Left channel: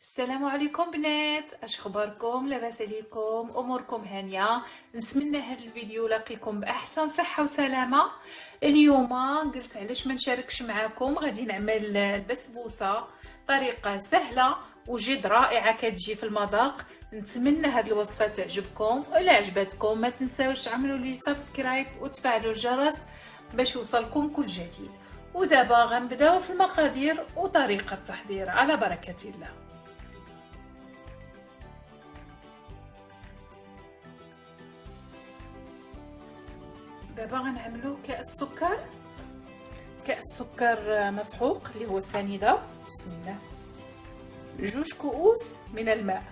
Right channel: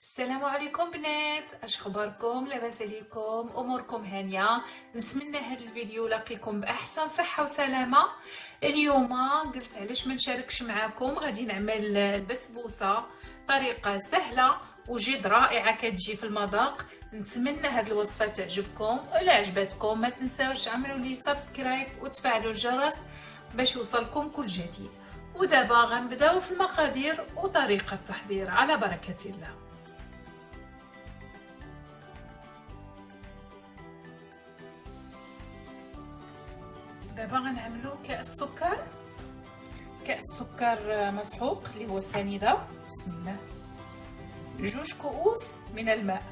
السلام عليكم بنات، اش اخباركم؟ لاباس عليكم؟ اموركم هانيه؟ نتمنى هذا الفيديو لاقيكم باحسن صحه وسلامه. اليوم قلت علاش ما نشاركش معكم. غادي نعمل البسبوسه طريقه سهله وجد رائعه كتجي في المذاق. نتمنى هذه الوصفه تعجبكم. الا عجبتكم ما تنساوش تعملوا لي سبسكرايب وتفعلوا الجرس باش يوصلكم كل جديد. ودابا غنبداو في المقادير وطريقه التحضير على بركه الله. دابا غنعملو كأس سكر مسحوق اللي هو السنيده. بسم الله. 2 كؤوس من الماء.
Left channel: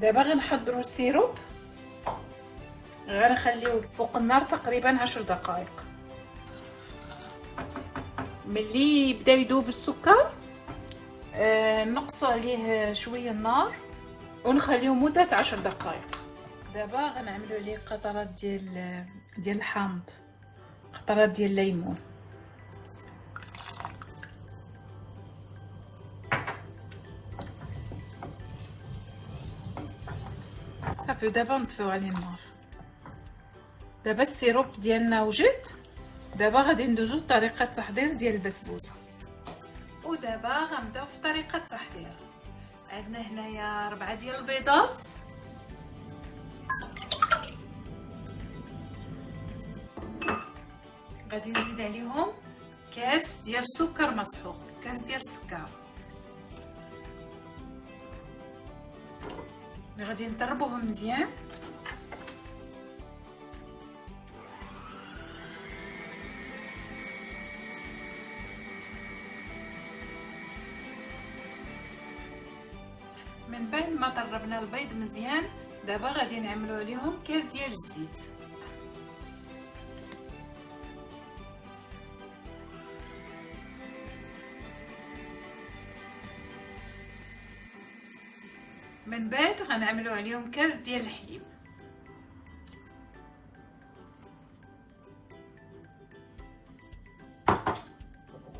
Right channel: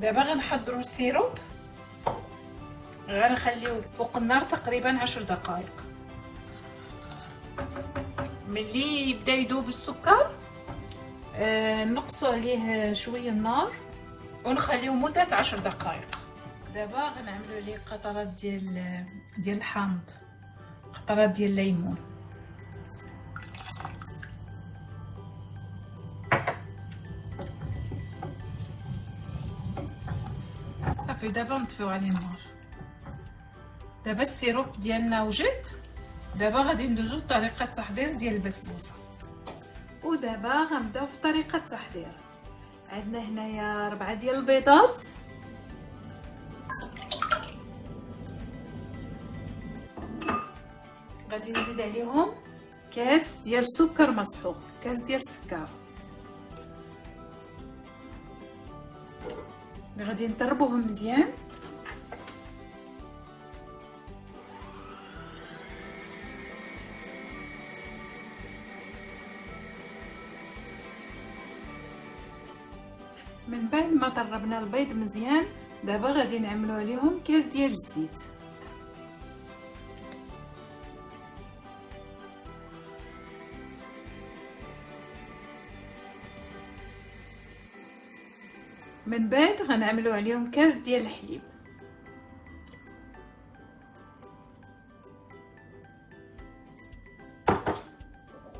دابا غنحضروا السيروب، غنخليوه فوق النار تقريبا 10 دقائق. ملي يبدا يذوب السكر نقصوا عليه شويه النار ونخليوه مده 10 دقائق. دابا غنعملوا عليه قطرات ديال الحامض، قطرات ديال الليمون. صافي دابا نطفيو عليه النار. دابا السيروب ديالنا وجد. دابا غادي ندوزو لطريقه التحضير ديال البسبوسه. ودابا غنبداو في طريقه التحضير. عندنا هنايا 4 ديال البيضات، غادي نزيد عليهم كاس ديال السكر مسحوق، كاس ديال السكر. غادي نضربوهم مزيان. من بعد ما ضربنا البيض مزيان دابا غادي نعملو عليهم كاس ديال الزيت. من بعد غنعملو عليهم كاس ديال الحليب.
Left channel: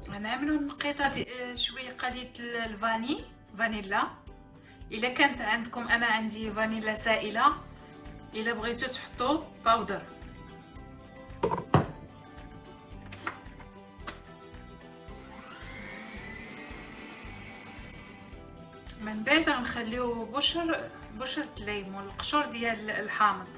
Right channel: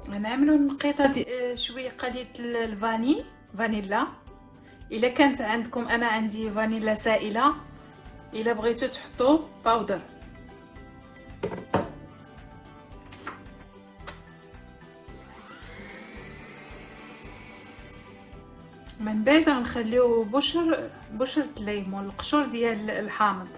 غنعملو نقيطه شويه قليله فانيلا. الا كانت عندكم، انا عندي فانيلا سائله، الا بغيتو تحطوا باودر. من بعد غنخليو بشرة الليمون، القشور ديال الحامض.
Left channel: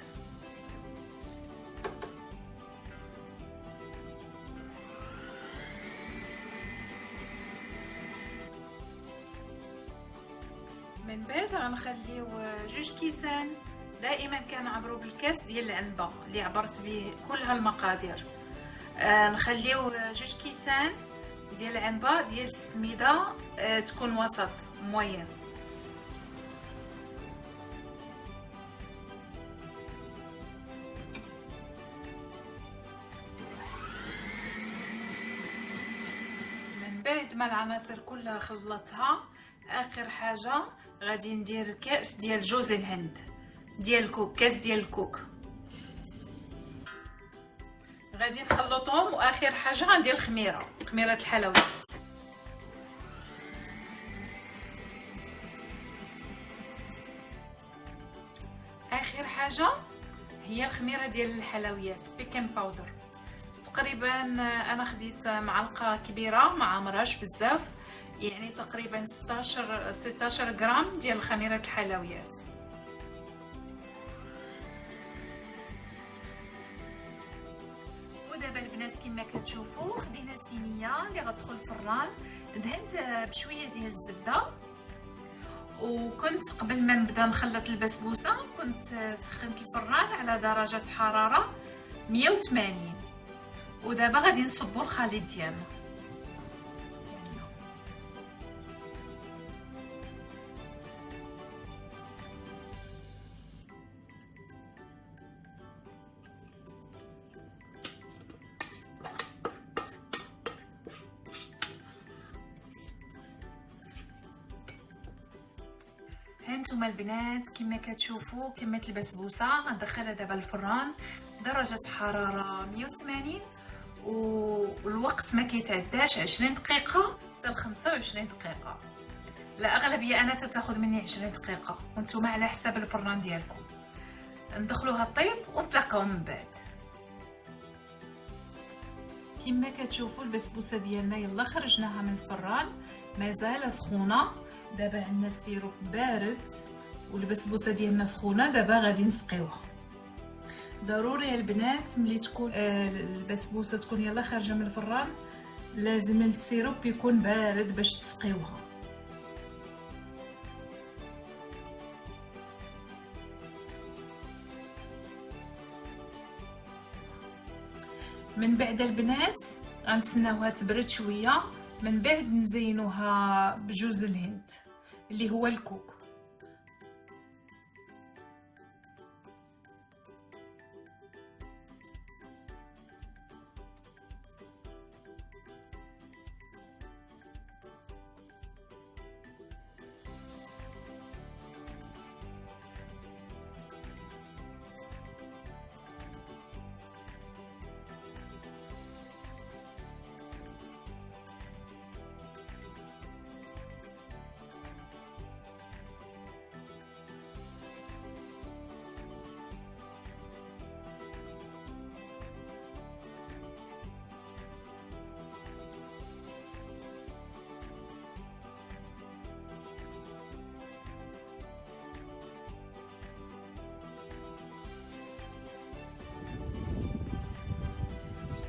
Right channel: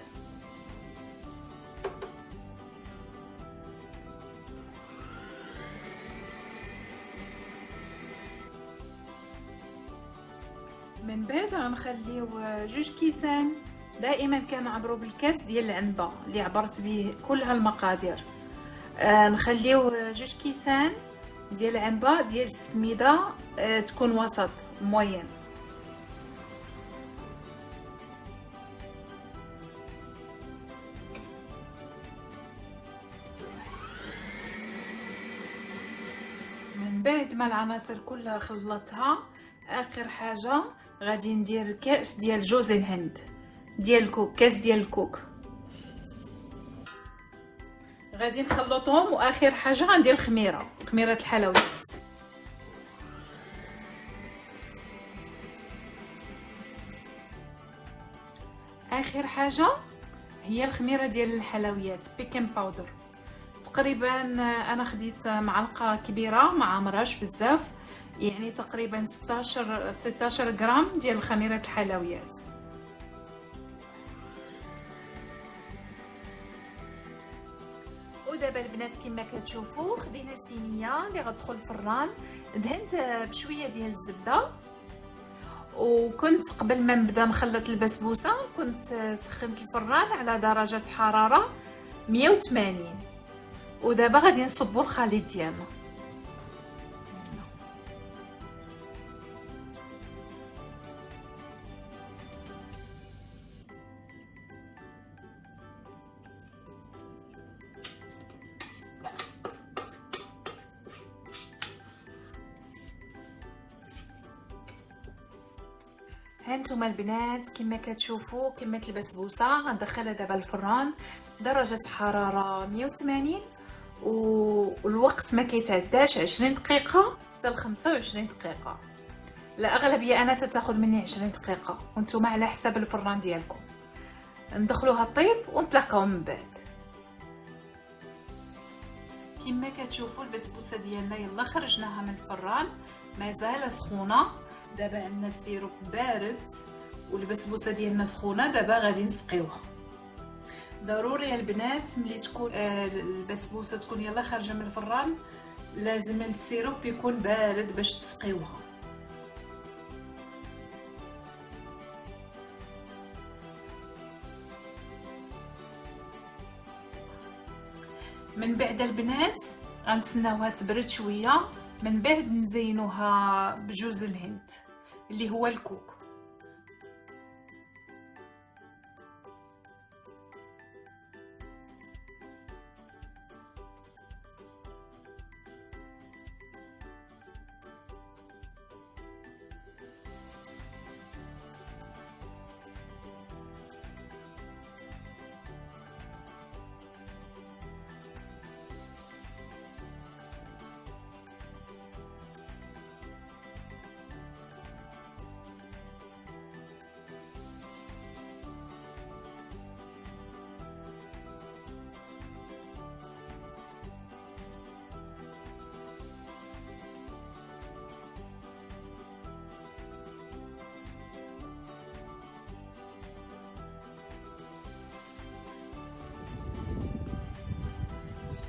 من بعد غنخليو 2 كيسان. دائما كنعبروا بالكاس ديال العنبه اللي عبرت به كل هالمقادير. نخليو 2 كيسان ديال العنبه ديال السميده، تكون وسط موين. من بعد ما العناصر كلها خلطتها، اخر حاجه غادي ندير كاس ديال جوز الهند ديال الكوك، كاس ديال الكوك. غادي نخلطهم، واخر حاجه غندير خميره الحلويات. اخر حاجه هي الخميره ديال الحلويات، بيكنج باودر. تقريبا انا خديت معلقه كبيره، ما عمرهاش بزاف، يعني تقريبا 16 غرام ديال خميره الحلويات. ودابا البنات كما كتشوفوا خدينا الصينيه اللي غتدخل الفران، دهنت بشويه ديال الزبده. وكنت قبل ما نبدا نخلط البسبوسه كنت سخنت الفران على درجه حراره 180. ودابا غادي نصبوا الخليط ديالنا. هانتوما البنات كما كتشوفوا كميه البسبوسه غندخلها دابا الفران درجه حراره 180. والوقت ما كيتعداش 20 دقيقه حتى ل 25 دقيقه. الاغلبيه انا تتاخذ مني 20 دقيقه، وانتم على حساب الفران ديالكم. ندخلوها طيب ونتلاقاو من بعد. كما كتشوفوا البسبوسه ديالنا يلا خرجناها من الفران، مازال سخونه. دابا عندنا السيروب بارد والبسبوسه ديالنا سخونه. دابا غادي نسقيوها. ضروري البنات ملي تكون البسبوسه تكون يلا خارجه من الفران لازم السيروب يكون بارد باش تسقيوها. من بعد البنات غنتسناوها تبرد شويه، من بعد نزينوها بجوز الهند اللي هو الكوكو.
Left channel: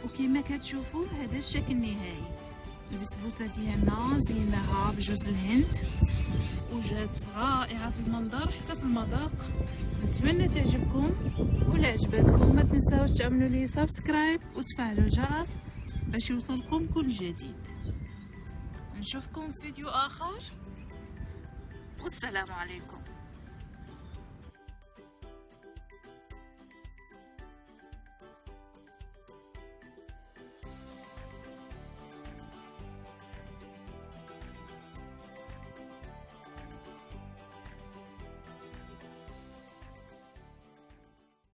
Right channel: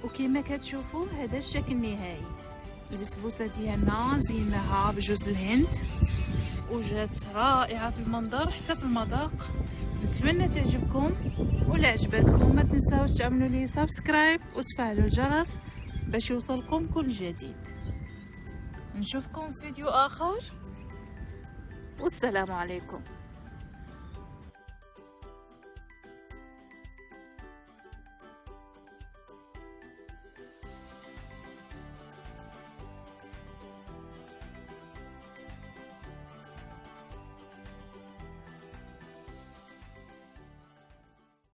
وكما كتشوفوا هذا الشكل النهائي. البسبوسه ديالنا زيناها بجوز الهند وجات رائعه في المنظر حتى في المذاق. نتمنى تعجبكم، ولا عجبتكم ما تنساوش تعملوا لي سبسكرايب وتفعلوا الجرس باش يوصلكم كل جديد. نشوفكم في فيديو اخر والسلام عليكم.